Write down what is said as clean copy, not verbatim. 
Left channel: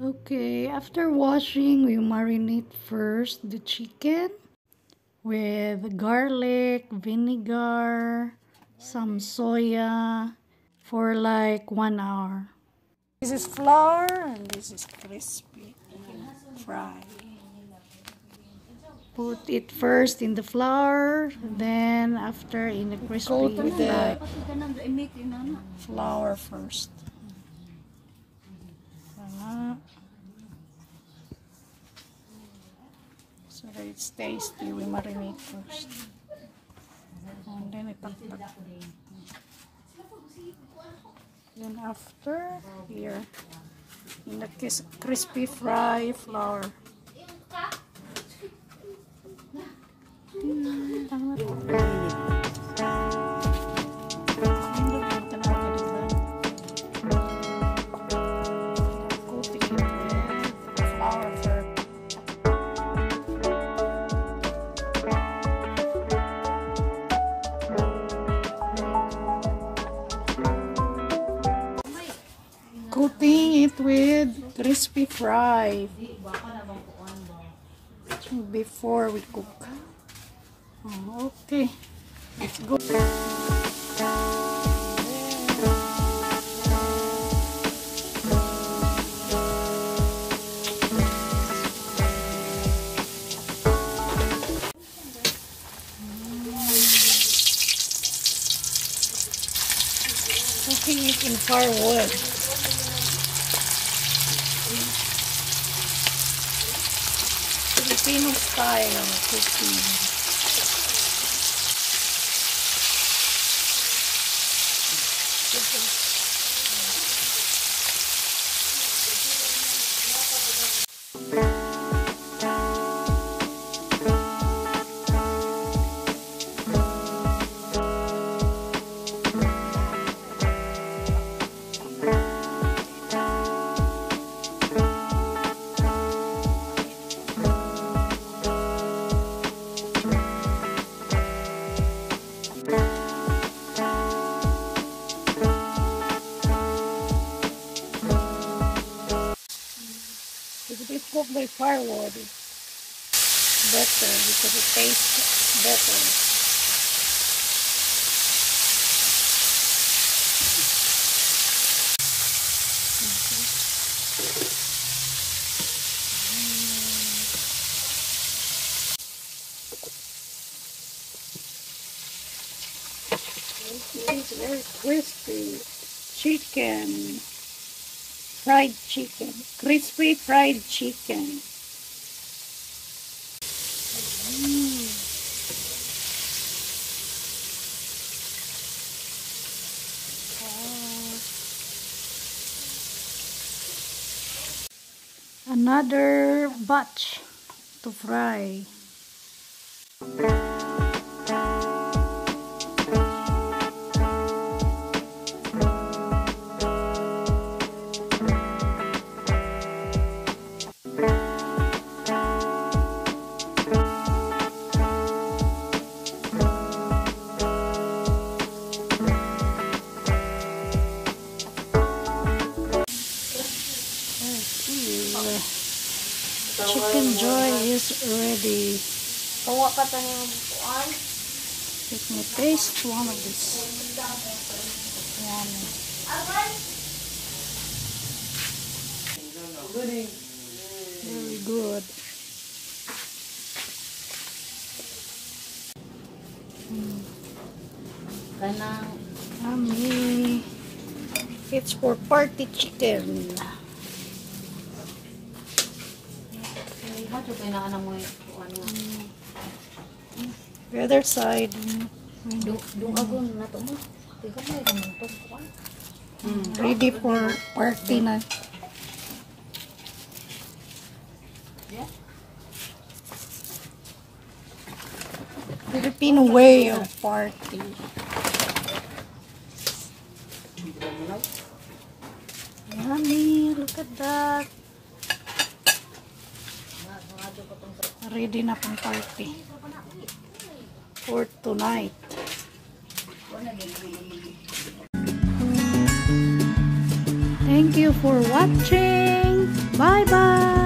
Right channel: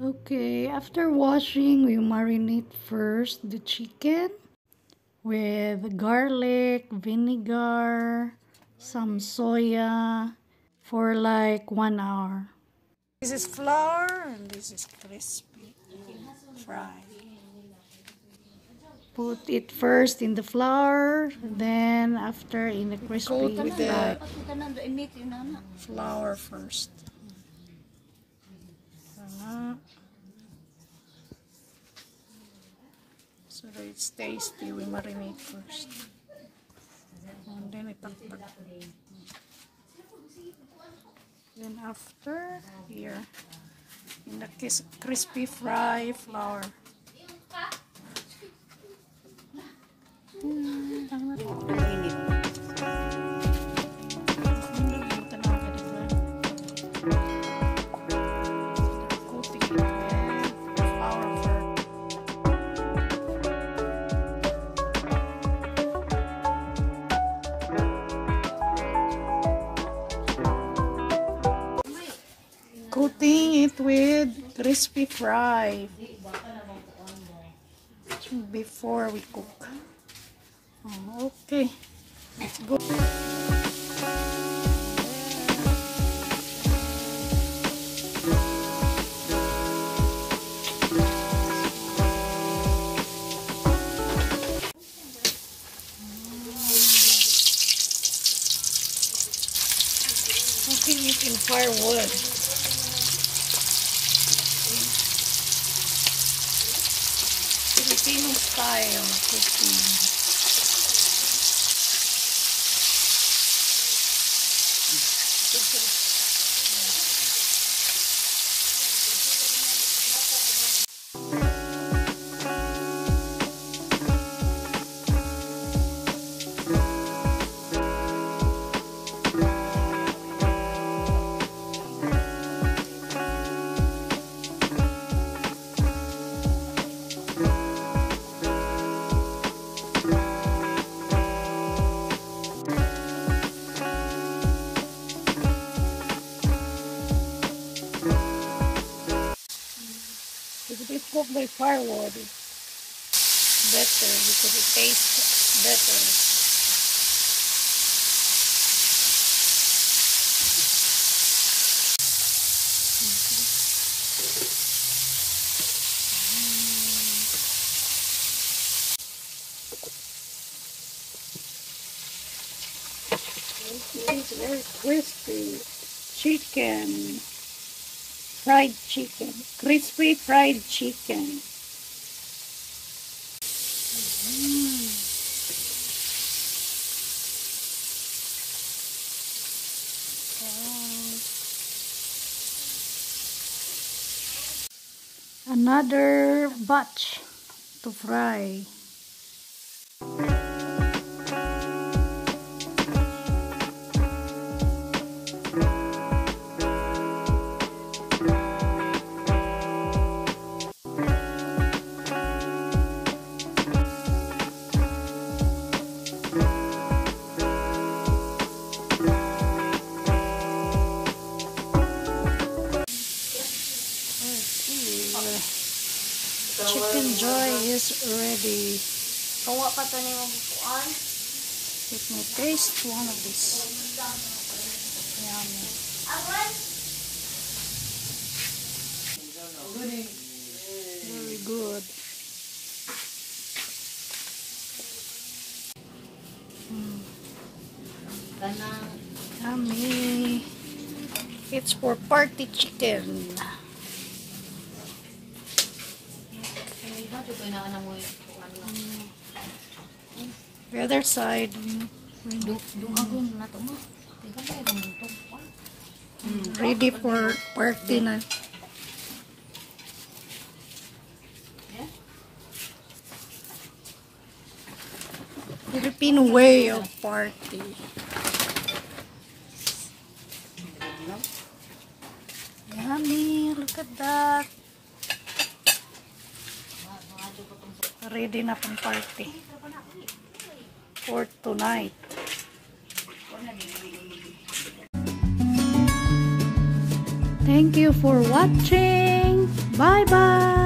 Okay, after washing, we marinate first the chicken with garlic, vinegar, some soya for like 1 hour. This is flour and this is crispy fry. Put it first in the flour, then after in the crispy fry. Flour first. So that it's tasty, we marinate first. And then itaktak. Then after, here, in the crispy fry flour. Coating it with crispy fry before we cook. Oh, okay, let's go. Cooking it in firewood. Filipino style cooking. If it is cooked by firewood, it's better because it tastes better. It's very crispy chicken. Fried chicken, crispy fried chicken. Another batch to fry. Chicken joy is ready. Let me taste one of these. Yummy. Very good. Yummy. It's for party chicken. The other side. Ready for party na. Filipino way of party. Yummy, look at that. Ready na pang party for tonight. Thank you for watching. Bye-bye!